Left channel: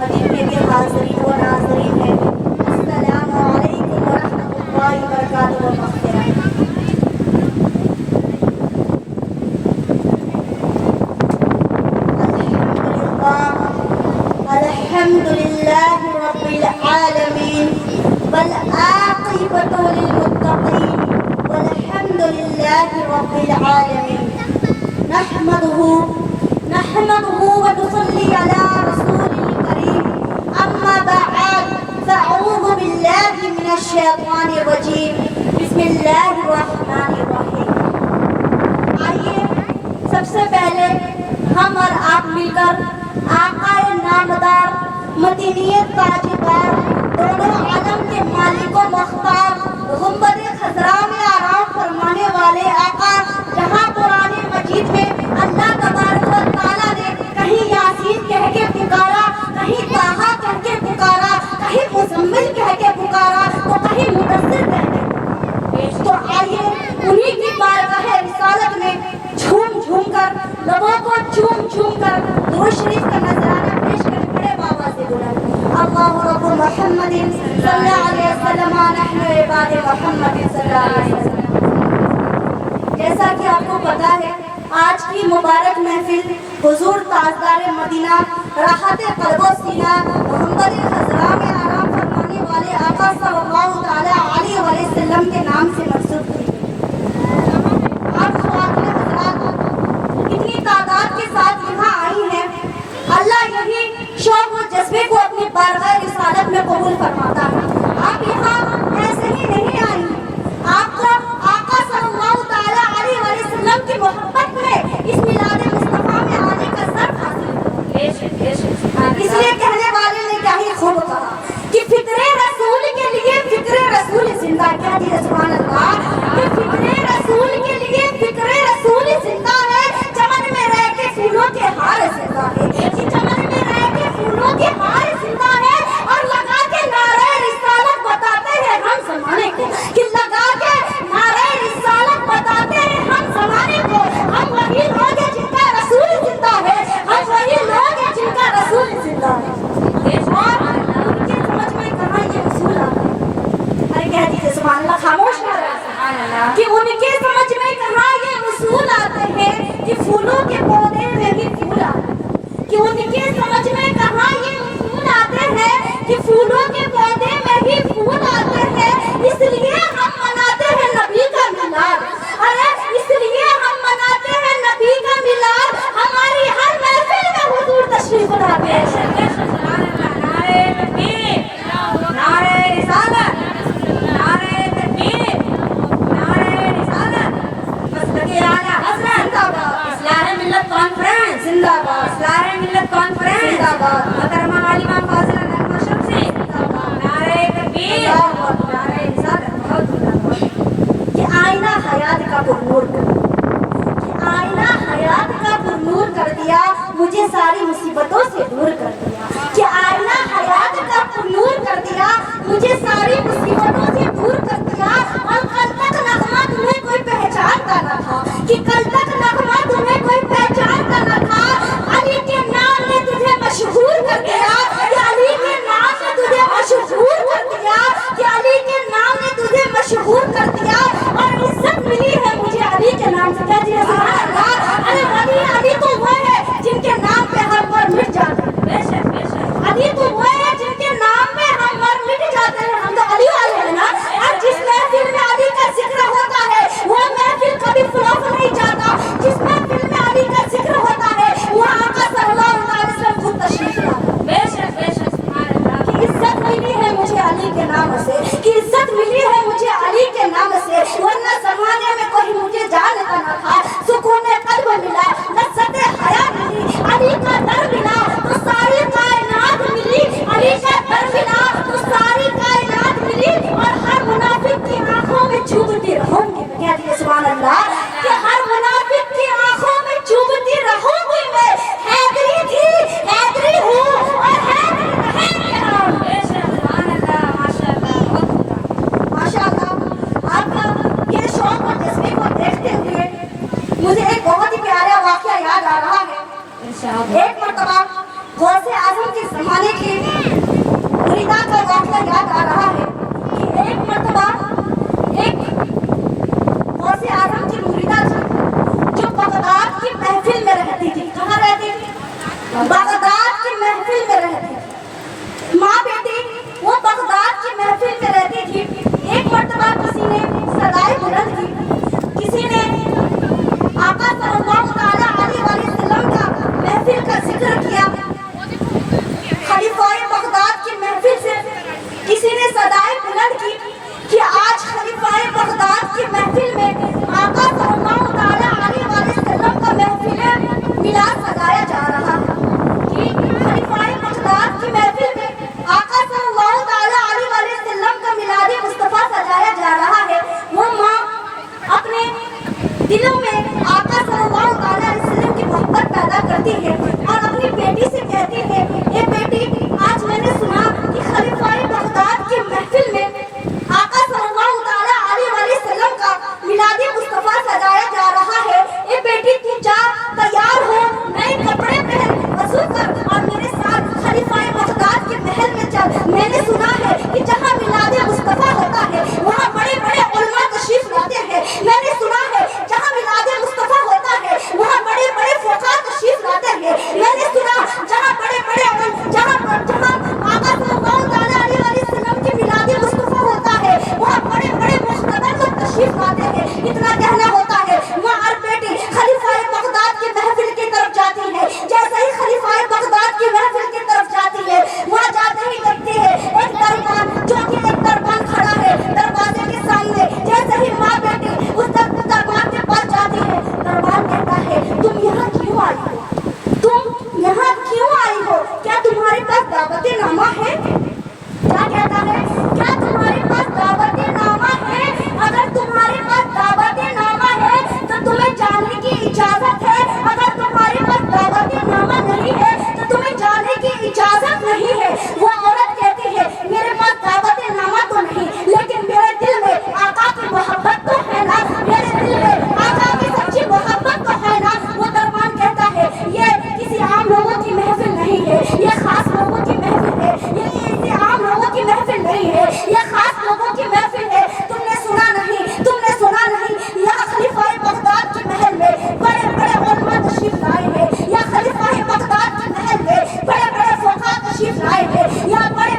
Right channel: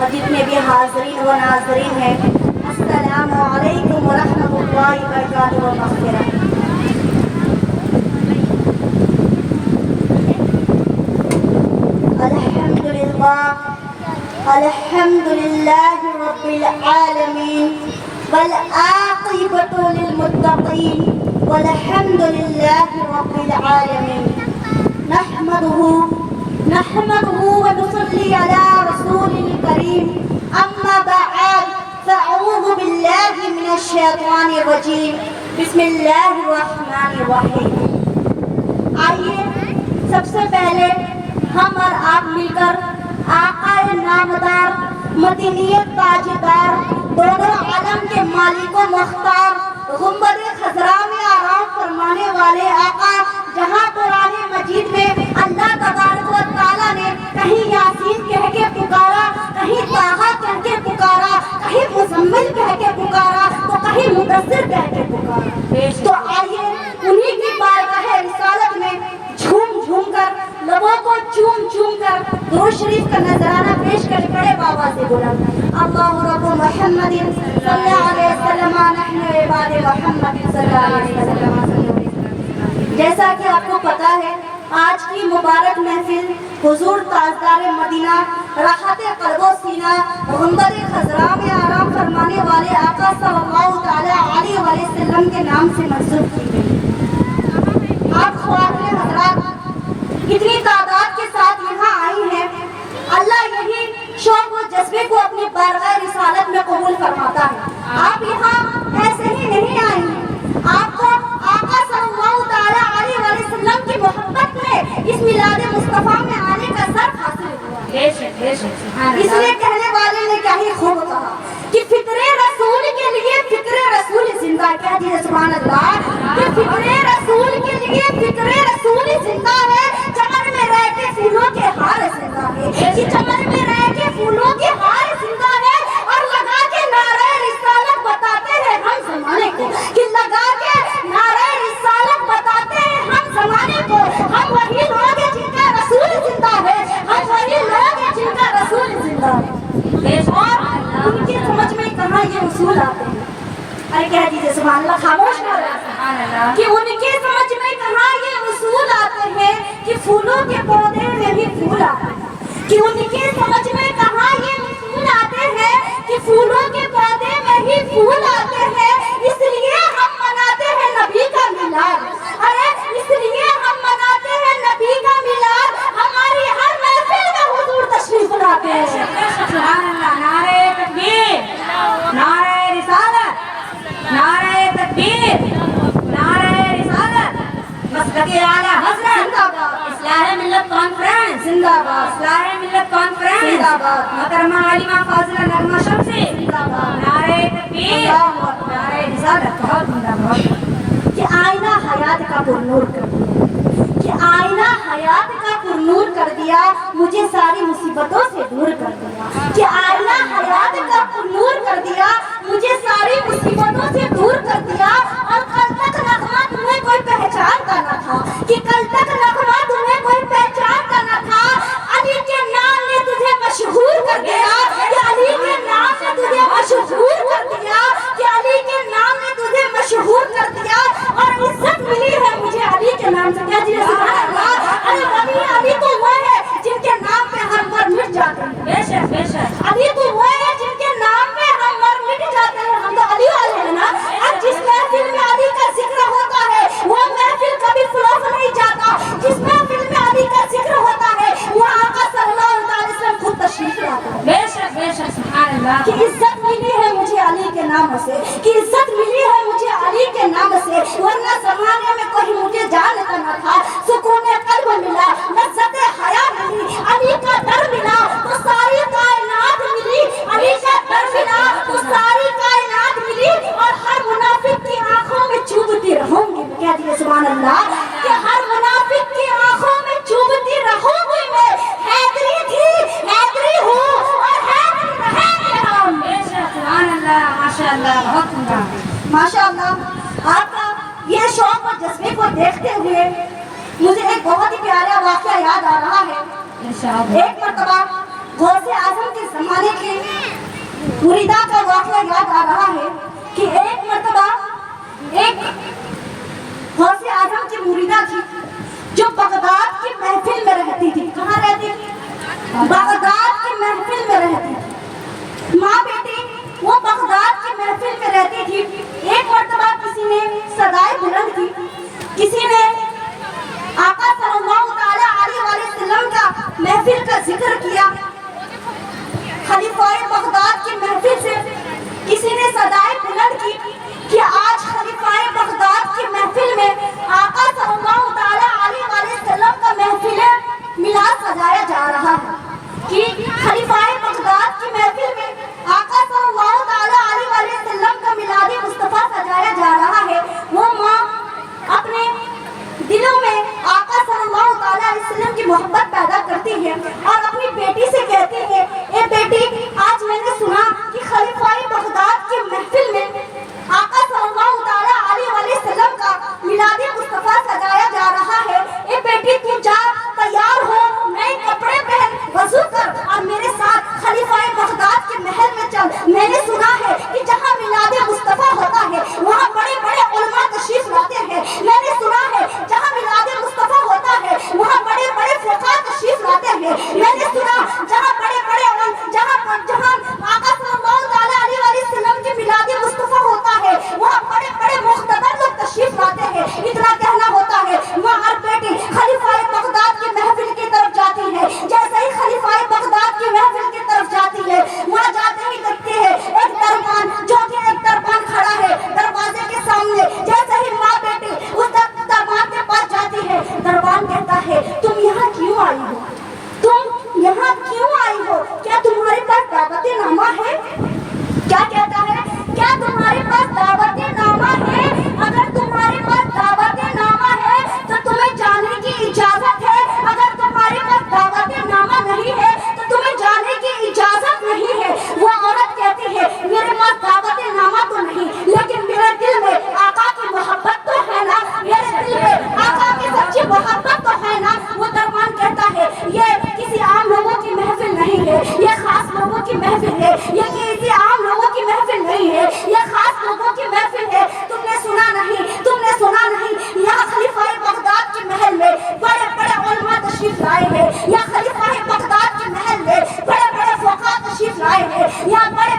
اور جتنے بھی حاضرین و ناظرین ہیں، السلام علیکم ورحمۃ اللہ وبرکاتہ و مغفرہ۔ الحمد للہ رب العالمین والعاقبۃ للمتقین والحمد للہ رب العالمین۔ نحمده ونصلي على رسول الكريم، اما بعد فاعوذ باللہ من الشیطان الرجیم، بسم اللہ الرحمن الرحیم۔ آئیے سب سے پہلے ہم اور آپ مل کر آقا نامدار، مدینیت تاجدار، دونوں عالم کے مالک و مختار، گنبد خضرا میں آرام فرمانے والے آقا، جہاں قرآن مجید میں اللہ تبارک و تعالیٰ نے کہیں یاسین کہہ کے پکارا، کہیں طٰہٰ کہہ کے پکارا، کہیں مزمل کہہ کے پکارا، تو کہیں مدثر کہہ کے پکارا۔ تو آئیے انہی کی بارگاہ رسالت میں جھوم جھوم کر، لبوں کو چوم چوم کر درود شریف کا نذرانہ پیش کرے بڑے بابا سے بلند اللہ رب محمد صلی اللہ علیہ وسلم، نحن عباد محمد صلی اللہ علیہ وسلم۔ جیسا کہ آپ کو پتا ہے، آج کی مبارک محفل حضور تاجدار مدینہ، راحت قلب و سینہ، گنبد خضرا میں آرام فرمانے والے آقا صلی اللہ تعالی علیہ وسلم کے نام سے منسوب کی گئی۔ آپ خواتین حضرات کتنی تعداد کے ساتھ یہاں آئی ہیں، اللہ یہی شوق و جذبے کو اپنی بارگاہ رسالت میں قبول فرماتا ہے۔ آپ یہاں ایسے ہی نہیں آئی ہیں، آپ کو آقا صلی اللہ تعالی علیہ وسلم کی محبت میں اس میلاد مصطفیٰ میں آنے کا شرف حاصل ہوا۔ اس لیے کہنے والے نے کیا ہی خوب کہا کہ فکر رسول کے لیے فکر رسول زندہ، کہہ دیجیے سبحان اللہ، کہ فکر رسول کے لیے فکر رسول زندہ ہے، چمن میں رہ کے پھولوں کے ہار زندہ ہے، کہ چمن میں رہ کے پھولوں کے ہار زندہ ہے، اور لگا کے نعرہ رسالت بتاتے ہیں ہم زمانے کو، کہ لگا کے نعرہ رسالت بتاتے ہیں ہم زمانے کو، ہم وہی لوگ ہیں جن کا رسول زندہ ہے، ہم وہی لوگ ہیں جن کا رسول زندہ ہے۔ اور ان کے سمجھ میں کہاں یہ اصول آتے ہیں؟ ارے کہہ دیجیے سبحان اللہ، خاموش نہ رہا، کہ ان کے سمجھ میں کہاں یہ اصول آتے ہیں کہ پھولوں کے پودے میں بھی پھول آتے ہیں، کہ ان کے سمجھ میں کہاں یہ اصول آتے ہیں کہ پھولوں کے پودے میں ہی پھول آتے ہیں۔ اس لیے ہم مناتے ہیں نبی کا میلاد، ارے اس لیے ہم مناتے ہیں نبی کا میلاد، ہماری ہر محفل میں حضور تشریف لاتے ہیں۔ نعرہ تکبیر، نعرہ رسالت، نعرہ تکبیر، نعرہ رسالت، مسلک اعلیٰ حضرت زندہ باد، اصلاح ملت کانفرنس زندہ باد، اصلاح ملت کانفرنس زندہ باد، محترمہ عالمہ فاضلہ نغمہ شمسی زندہ باد، نعرہ تکبیر، نعرہ رسالت، بہت زندہ باد۔ کہ آئینہ حیات کا پرنور کر دیا، کہ آئینہ حیات کا پرنور کر دیا، مجھے ساری مصیبتوں سے دور کر دیا، کہ آئینہ حیات کا پرنور کر دیا، مجھے ساری مصیبتوں سے دور کر دیا۔ اور کل تک نغمہ تمہیں کوئی پہچانتا نہ تھا، کہ کل تک نغمہ تمہیں کوئی پہچانتا نہ تھا، علی کے نام نے تجھے مشہور کر دیا، کہ علی کے نام نے تجھے مشہور کر دیا، کہ علی کے نام نے تجھے مشہور کر دیا۔ اور عزت ملی ہے مجھے علی کے نام سے، کہہ دیجیے سبحان اللہ۔ ارے ولی علی تو وہ ہے جن کے نام پہ ہر بار مٹ جاتے ہیں، بے شک بے شک، علی تو وہ ہے جن کے نام پہ ہر بار مٹ جاتے ہیں، ہم تو علی والے ہیں نا۔ اور جس محفل میں علی کا ذکر ہوتا ہے وہ محفل کبھی فلوپ نہیں جاتا، جس محفل میں علی کا ذکر ہوتا ہے وہ آقا صلی اللہ علیہ وسلم خود تشریف لاتا ہے۔ بے شک بے شک، سبحان اللہ۔ کہ عزت ملی ہے مجھے علی کے نام سے، کہ عزت ملی ہے مجھے علی کے نام سے، ورنہ زمانے میں کوئی مجھے جانتا نہ تھا۔ سکون قلب ملا، لذت حیا ملی، علی کا در ملا تو ساری کائنات ملی، علی کا در ملا تو ساری کائنات ملی۔ اور ہر منافق کی آنکھوں میں چوبتی رہوں گی، کہہ دیجیے سبحان اللہ، کہ ہر منافق کی آنکھوں میں چوبتی رہوں گی میں، حیدری تھی، حیدری ہوں، اور حیدری رہے گا۔ سبحان اللہ، ماشاء اللہ، بہت خوبا، ماشاء اللہ۔ آپ کا یہ شوق اور جذبے کو دیکھتے ہوئے مجھے ایک بہت ہی پیارا واقعہ یاد آ رہا ہے۔ ایک مرتبہ غوث اعظم کے زمانے کے मुरीदा का वाक़या याद आ रहा है कि एक मर्तबा एक गौसे आजम की मुरीदा थी जो बगदाद की महफिल में रहती थी। कहाँ रहती थी? बगदाद की महफिल में रहती थी। माँ बेटी वो बगदाद की महफिल में रहती थी। एक मर्तबा किसी ने सदाई बुलंद की, किसी ने आका सल्लल्लाहु अलैहि वसल्लम का महफिल का जिक्र किया। खलीफाए बगदाद की महफिल से किसी ने सदाई बुलंद की कि आज खलीफाए बगदाद की महफिल में आका सल्लल्लाहु अलैहि वसल्लम का महफिल मिलाद सजाया जा रहा है, कि खलीफाए बगदाद की महफिल में आका सल्लल्लाहु अलैहि वसल्लम का मिलाद मुस्तफा सजाया जा रहा है। वो माँ अपने दिलों में आका सल्लल्लाहु अलैहि वसल्लम की मोहब्बत पैदा करती है और अपनी बेटी से कहती है, ए बेटी, आज मैंने सुना कि खलीफाए बगदाद की महफिल में आका सल्लल्लाहु अलैहि वसल्लम का मिलाद मुस्तफा सजाया जा रहा है। ए बेटी, तू जा, तैयार हो, नए कपड़े पहन, वज़ू कर और मेरे साथ खलीफाए बगदाद के महल में चल। मैंने सुना है कि जहाँ मिलाद मुस्तफा होता है वहाँ बड़े बड़े उलमा तशरीफ लाते हैं। मैंने सुना है जहाँ मिलाद मुस्तफा होता है वहाँ बड़े बड़े फुक़हा तशरीफ लाते हैं। मैंने सुना जहाँ बड़े बड़े जहाँ आका सल्लल्लाहु अलैहि वसल्लम के मिलाद मुस्तफा होता है वहाँ बड़े बड़े मुख्तदर लोग तशरीफ लाते हैं। इतना कहना होता है। माँ और बेटी खलीफाए बगदाद की महफिल की तरफ जाती है। जैसे ही खलीफाए बगदाद की महफिल की तरफ जाती है, वहाँ जाते ही देखते हैं एक दरबान, जो कि एक दरबान खड़ा है दरवाजे के सामने। जैसे ही माँ बेटी उस दरबान के पास जाती है, दरबान कहता है, तुम यहाँ क्यों आई हो? तुम यहाँ क्यों आई हो? क्या तुम्हारे पास दावती नामा है? क्या कहता है? क्या तुम्हारे पास दावती नामा है? अगर तुम्हारे पास दावती नामा है तो तुम्हें जाने की इजाजत है। अगर तुम्हारे पास दावती नामा नहीं है तो तुम्हें जाने की इजाजत नहीं है। वो औरत कहती है, मेरे पास दावती नामा तो नहीं, लेकिन मेरे दिल में आका की मोहब्बत तो है ना, मेरे दिल में आका की सच्ची मोहब्बत तो है ना। वो दरबान कहता है, ये किसी आम लोगों की महफिल नहीं है, ये खास लोगों की महफिल है। ये किसी आम लोगों की महफिल नहीं है, ये खास लोगों की महफिल है। तुमने सुना नहीं, तुमने सुना नहीं, यहाँ खलीफाए बगदाद के महल में बड़े बड़े उलमा तशरीफ लाए हैं। यहाँ खलीफाए बगदाद के महल में बड़े बड़े फुक़हा तशरीफ लाए हैं। यहाँ बड़े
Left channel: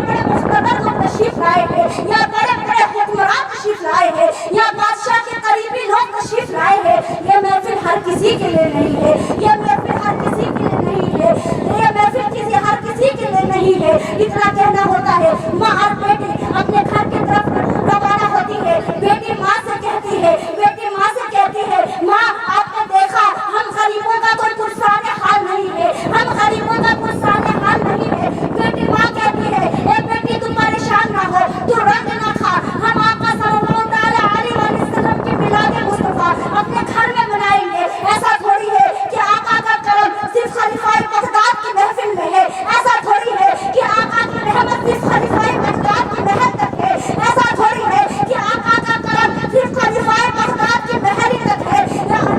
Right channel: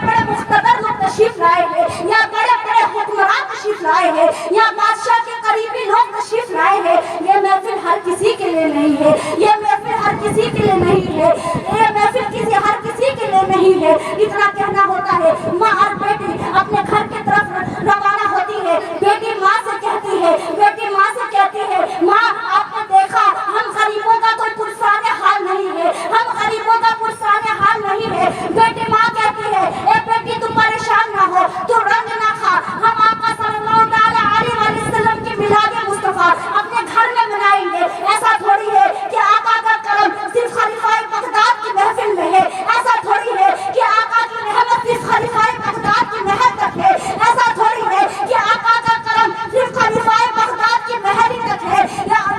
बड़े मुख्तदर लोग तशरीफ लाए हैं। यहाँ बड़े बड़े हुक्मरान तशरीफ लाए हैं। यहाँ बादशाह के करीबी लोग तशरीफ लाए हैं। ये महफिल हर किसी के लिए नहीं है, ये महफिल हर किसी के लिए नहीं है, ये महफिल किसी हर किसी के लिए नहीं है। इतना कहना होता है। माँ और बेटी अपने घर की तरफ रवाना होती है। बेटी माँ से कहती है, माँ, आपने देखा हम गरीबों का कोई पुरसाने हाल नहीं है, हम गरीबों का पुरसाने हाल नहीं है। बेटी माँ कहती है, ए बेटी, तू परेशान ना हो, तू रंग ना खा, हम आका सल्लल्लाहु अलैहि वसल्लम की मिलाद मुस्तफा अपने घर में मनाएंगे। ऐसा थोड़ी है कि आका का करम सिर्फ खलीफाए बगदाद की महफिल में है। ऐसा थोड़ी है कि आका की रहमत सिर्फ खलीफाए बगदाद की महल तक है। ऐसा थोड़ी है कि आका का करम सिर्फ खलीफाए बगदाद की महल ही तक है।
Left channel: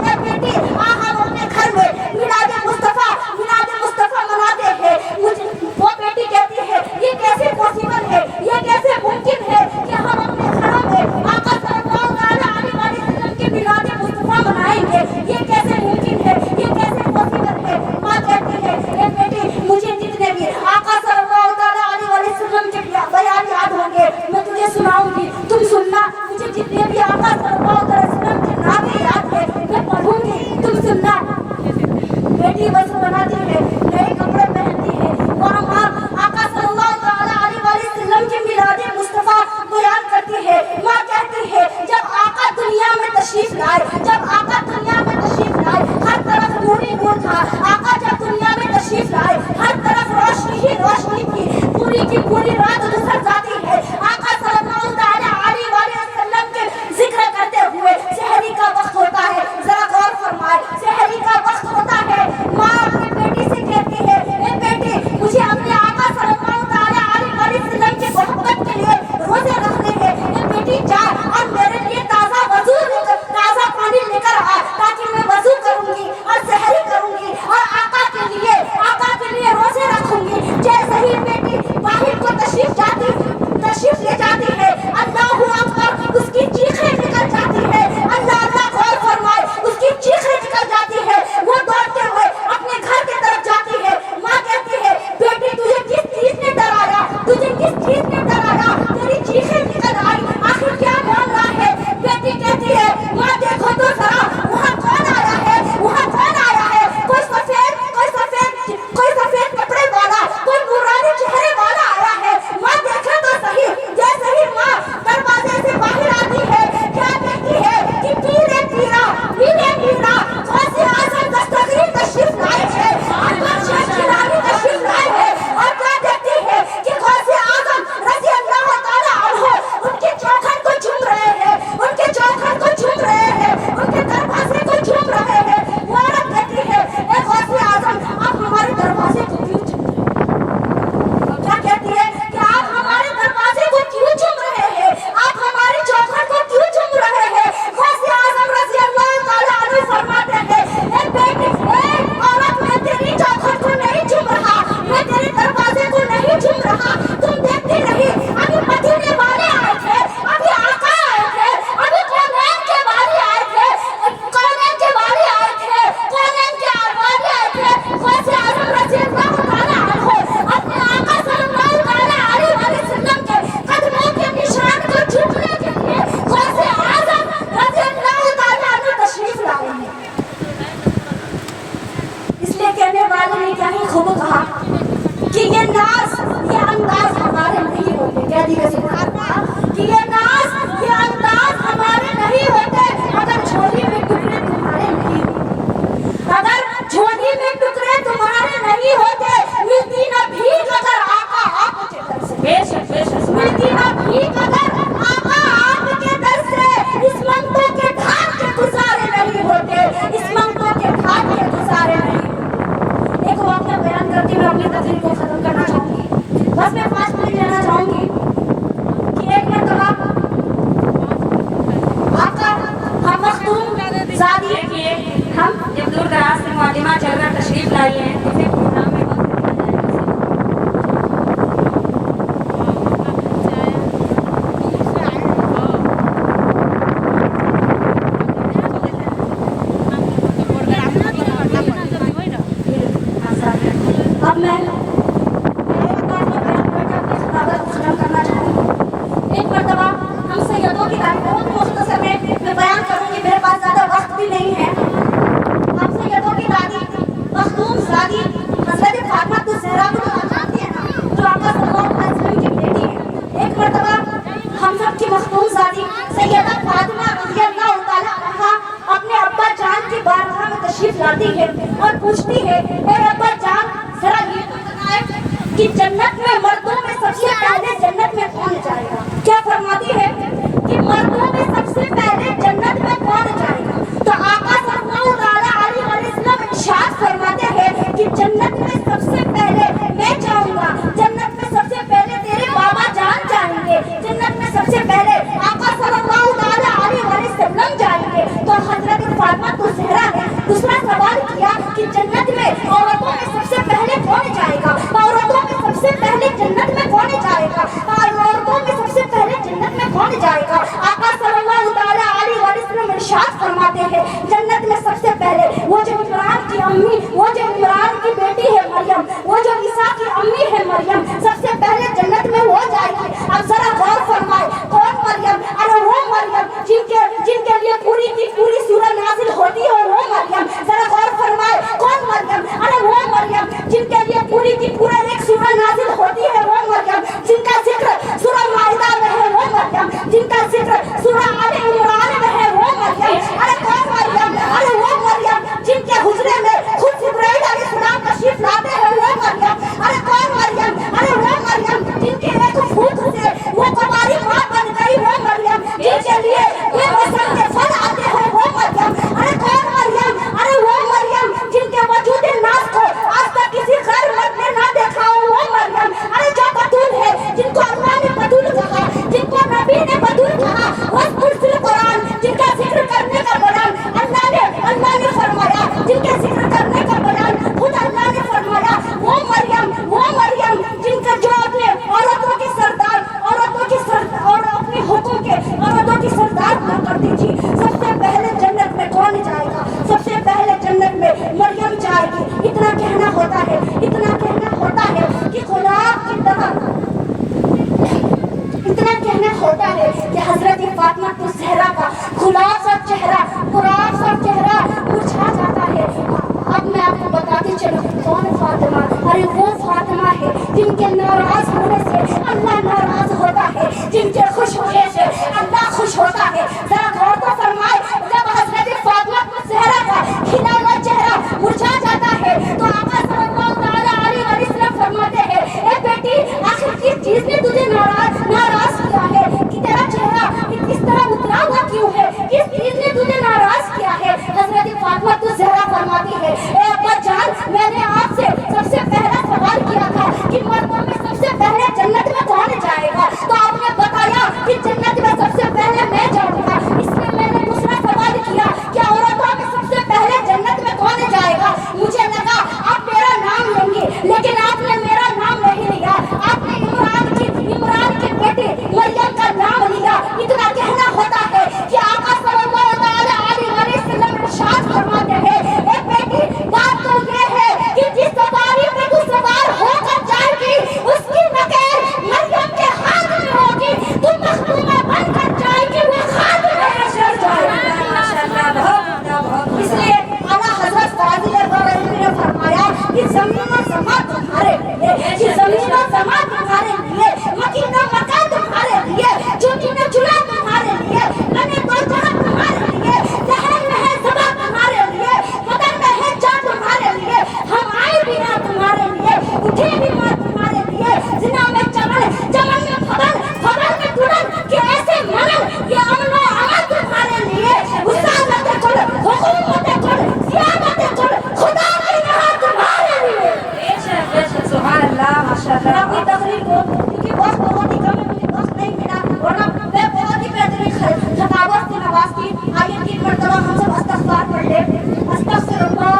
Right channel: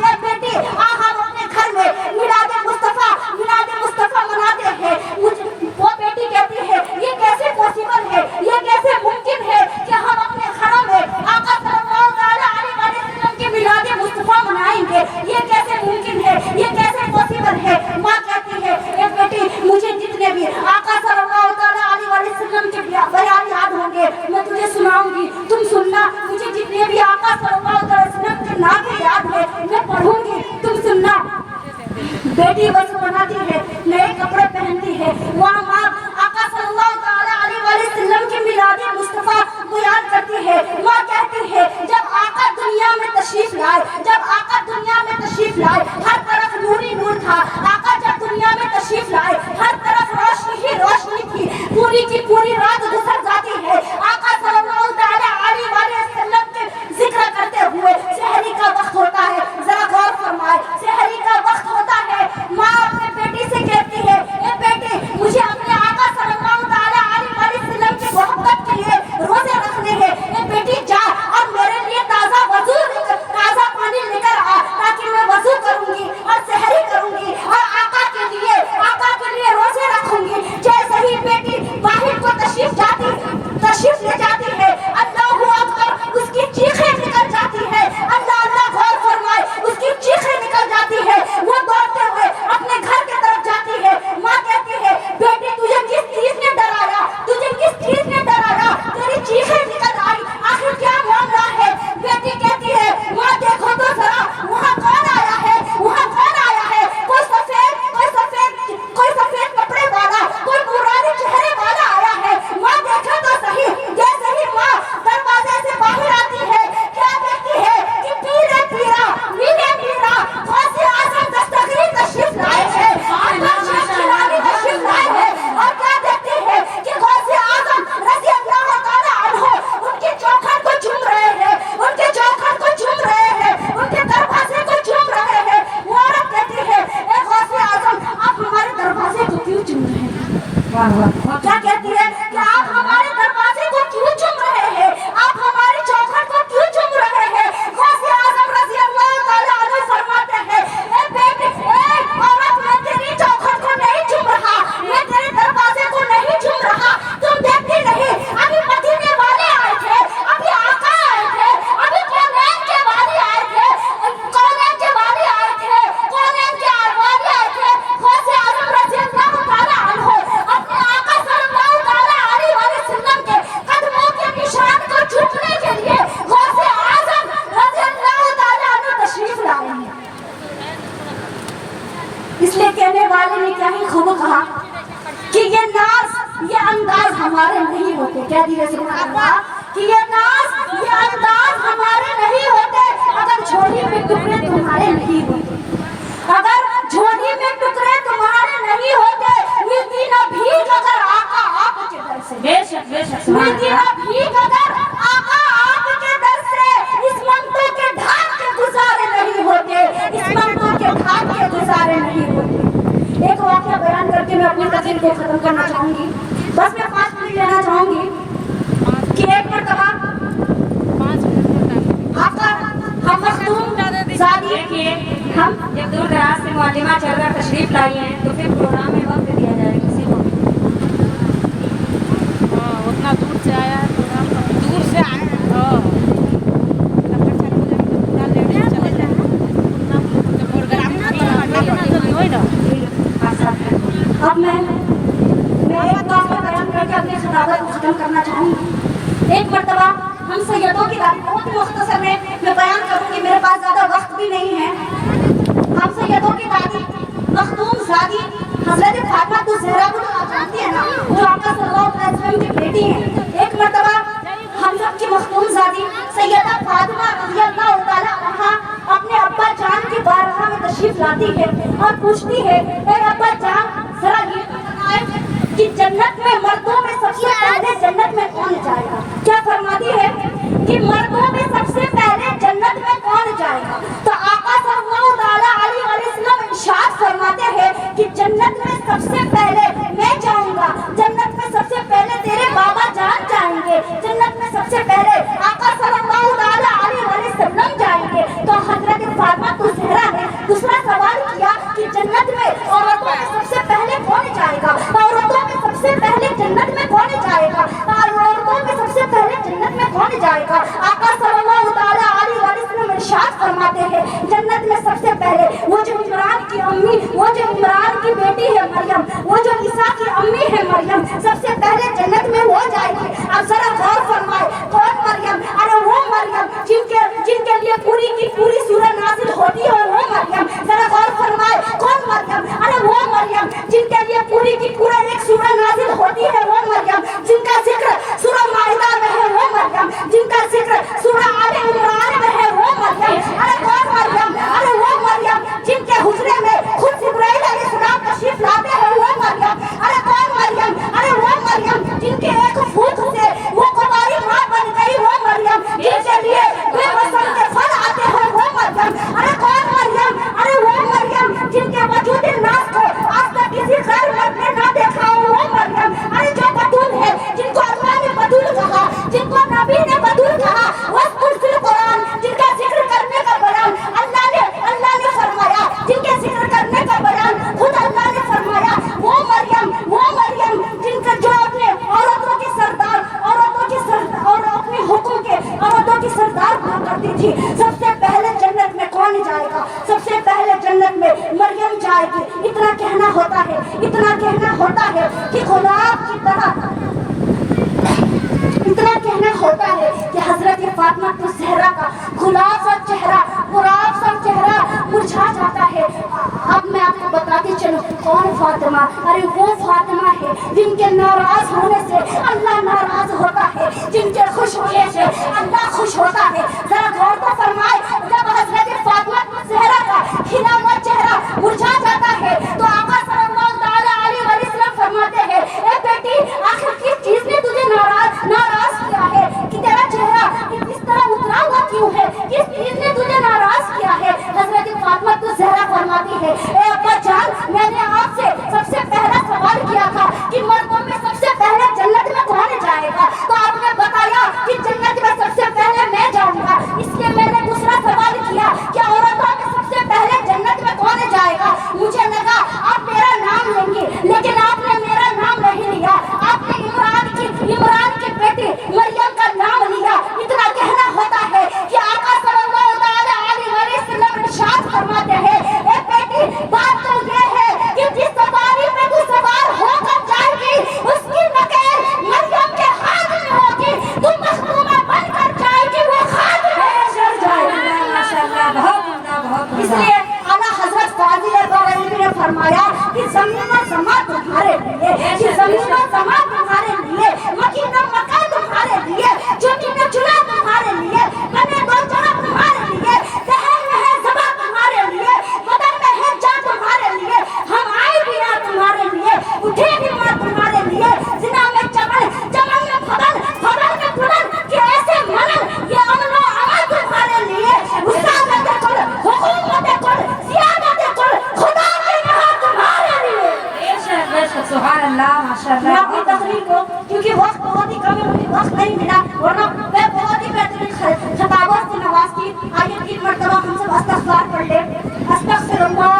ये बेटी, हम अपने घर में मिलाद मुस्तफा मनाते हैं। वो बेटी कहती है, ये कैसे पॉसिबल है, ये कैसे मुमकिन है कि हम अपने घरों में आका सल्लल्लाहु अलैहि वसल्लम की मिलाद मुस्तफा मनाएंगे? ये कैसे मुमकिन है, ये कैसे पॉसिबल है? माँ कहती है, ए बेटी, मुझे जितने भी आका सल्लल्लाहु अलैहि वसल्लम के बयान याद होंगे मैं तुझे सुनाऊंगी, तुम सुनना। मुझे जितने भी आका सल्लल्लाहु अलैहि वसल्लम के नाम याद है मैं पढ़ूंगी, तुम सुनना। बेटी वज़ू बनाती है, नए कपड़े पहनती है, वहाँ माँ आका सल्लल्लाहु अलैहि वसल्लम की मिलाद मुस्तफा बयान करती है। माँ कहती है, जब आका दुनिया में तशरीफ लाए, हर तरफ नूरी नूर था। आका जब दुनिया में तशरीफ लाए, हर तरफ रोशनी ही रोशनी थी। पूरी की पूरी रात गुजर जाती है आका सल्लल्लाहु अलैहि वसल्लम के जिक्र करते हुए। सहरी का वक्त होता है, जरा गौर फरमाए, सहरी का वक्त होता है। माँ अपने बेटी से कहती है, ए बेटी, मुझे अपने आका सल्लल्लाहु अलैहि वसल्लम की मोहब्बत के लिए रोजे रखने हैं। ए बेटी, जा और मेरे लिए ताज़ा पानी लेकर आ, ताकि मैं वज़ू करूंगी और सहरी करूंगी और आका के लिए रोजे रखूंगी। जैसे ही बेटी क्या कहती है कि आप हमारे दरवाजे को क्यों चुम रहे हैं, आप हमारी चौखट को क्यों चुम रहे हैं। गौसे आजम रज़ी अल्लाह ताला अन्हु फरमाते हैं, ए बेटे, ए औरत, मैं तेरी चौखट को नहीं चुम रहा, मैं तेरे दरवाजे को नहीं चुम रहा। तुम देखती रही, अभी मदीने वाले आए थे, अभी आका आए थे, अभी कौनैन के वाली आए थे, कौनैन के वाली आए थे, कौनैन के वाली आए थे। गौसे आजम रज़ी अल्लाह ताला अन्हु अपने आका सल्लल्लाहु ताला अलैहि वसल्लम के कदमों के निशान को छूने के लिए गौसे आजम रज़ी अल्लाह ताला अन्हु तशरीफ लाए हैं। इसलिए कहने वाले ने क्या ही खूब कहा कि ये नाज, ये अंदाज हमारे नहीं होते। क्या दी सुभान अल्लाह कि ये नाज, ये अंदाज हमारे नहीं होते अगर झोली में टुकड़े तुम्हारे नहीं होते, अगर झोली में टुकड़े तुम्हारे नहीं होते। मिलती ना भीख अगर आका आपके दर से, बेशक बेशक, मिलती ना भीख अगर आका आपके दर से, इस मंगतों के ढाक के गुजारे नहीं होते, इस मंगतों के ढाक के गुजारे नहीं होते। एक वाक़या बयान करके मैं अपनी तकरीर को खत्म करना चाहूंगी। बस मैं 5 मिनट लेना चाहूंगी कि एक मरतबा आपका हम मखदूम ज़ादी देखिए, हम जब दूर दराज से मुअल्लिमा चलकर तशरीफ लाई हैं तो फिर प्रोग्राम में वक्त दिया जाएगा किसी को। उतना दूर से आया, दूर से आया अब मैं एक बात को बयान करके अपने खिताबत को खत्म करना चाहूंगी। एक मरतबा हम सैयदों की तारीफ बहुत ही मुख्तसर में मैं बयान करूंगी, मेरे पास ज़्यादा वक्त भी नहीं है। हम सैयदों की दादी मखदूम ज़ादी हज़रत फातिमा तो ज़हरा को तो आप जानती हैं ना, जो आका सल्लल्लाहु अलैहि वसल्लम की बेटी हैं। एक मरतबा हम सब की मखदूम ज़ादी सैयदा फातिमा रज़ी अल्लाह ताला अन्हा अपने अब्बा जान की बारगाह में तशरीफ लाती है और पूछती है, ए अब्बा जान, जरा ये बताएं कि जन्नत में मर्दों में सबसे पहले जन्नत में कौन जाएगा। क्या फरमाती है कि मर्दों में सबसे पहले जन्नत में कौन जाएगा। तो आका सल्लल्लाहु अलैहि वसल्लम इरशाद फरमाते हैं कि जन्नत में सबसे पहले मैं जाऊंगा, जन्नत में सबसे पहले तेरे बाबा जान जाएंगे, जन्नत में सबसे पहले आका सल्लल्लाहु अलैहि वसल्लम जाएंगे। तो हजरत फातिमा तो ज़हरा ने दूसरा सवाल किया कि जन्नत में औरतों में सबसे पहले कौन जाएगा, औरतों में सबसे पहले जन्नत में कौन जाएगा, औरतों में सबसे पहले जन्नत में कौन जाएगा। आका सल्लल्लाहु अलैहि वसल्लम इरशाद फरमाते हैं, जन्नत में सबसे पहले वो जो इमरान की अम्मी, वो जो इमरान की बेटी है मरियम, वो जो ईसा की अम्मी है मरियम, सबसे पहले जन्नत में वो जाएगी। अब जरा गौर फरमाए, कौन मरियम? अरे वो मरियम जिनके लिए पूरी की पूरी सूरह नाजिल होती है, वो मरियम। जरा गौर फरमाए, कौन मरियम? अरे वो मरियम जिनके लिए पूरी की पूरा एक सूरह नाजिल होती है, वो मरियम। जिनका जिक्र सूरह माइदा में है, वो मरियम। जिनका जिक्र सूरह आले इमरान में है, वो मरियम। अरे कौन मरियम? अरे वो मरियम जिनके हुजरे में खुद जिब्राइल अलैहिस्सलाम तशरीफ लाते हैं, वो मरियम। अरे कौन मरियम? अरे वो मरियम जिनके एक फूंक से वो कुंवारी मां बन गई, वो मरियम। जिनके लिए बेमौसम के फल आते हैं, वो मरियम। अरे कौन मरियम? अरे वो मरियम जिनके वजूद नास को आज तक किसी गैर मर्द ने ना देखा हो, वो मरियम। अरे जो बतूल है, जिनको अल्लाह ने बतूल कहा, जिनको नबी ने बतूल कहा, वज़कुर कुरान, जिनका जिक्र करने का बयान अल्लाह ने फरमाया, जिनके जिक्र करने का बयान खुद अल्लाह ने फरमाया, वो मरियम जिनका जो अपने औरतों के सरदार और अपने हुक्म के औरतों की सरदार हुआ करती थी। सबसे पहले जन्नत में कौन जाएगा? सबसे पहले जन्नत में मरियम जाएगी। इतना कहना होता है कि गुलाब की तरह, इतना कहना होता है कि हजरत फातिमा तो ज़हरा का गुलाब सा चेहरा मुरझा जाता है। अब मैं आपको बताती चलूं कौन फातिमा? अरे वो फातिमा है जिनके नाराज होने से अल्लाह नाराज होता है, जिनके खुश होने से अल्लाह खुश होता है। जरा गौर तो फरमाए, जब हजरत फातिमा तो ज़हरा का खिला हुआ चेहरा मुरझा जाता है तो आका सल्लल्लाहु अलैहि वसल्लम फरमाते हैं, ए बेटी, आखिर किस चीज ने तुझे नाराज किया है कि तेरा चेहरा इस तरह उतरा हुआ क्यों है? किस चीज ने तुझे नाराज किया है? हजरत फातिमा तो ज़हरा फरमाती है, ए अब्बा जान, मैंने आपसे सबसे पहला सवाल किया था कि मर्दों ورنہ میں بہت ہی بہترین خطابت سے نواز کی. آئیے 3 مرتبہ ہم سب استغفار پڑھ لیں. استغفر اللہ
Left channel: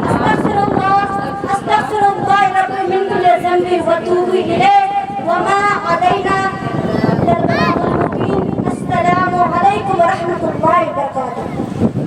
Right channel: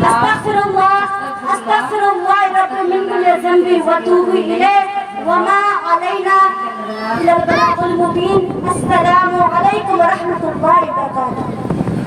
استغفر اللہ استغفر اللہ رب من كل ذنب واتوب الیہ وما علینا الا البلاغ المبین. السلام علیکم ورحمۃ اللہ وبرکاتہ.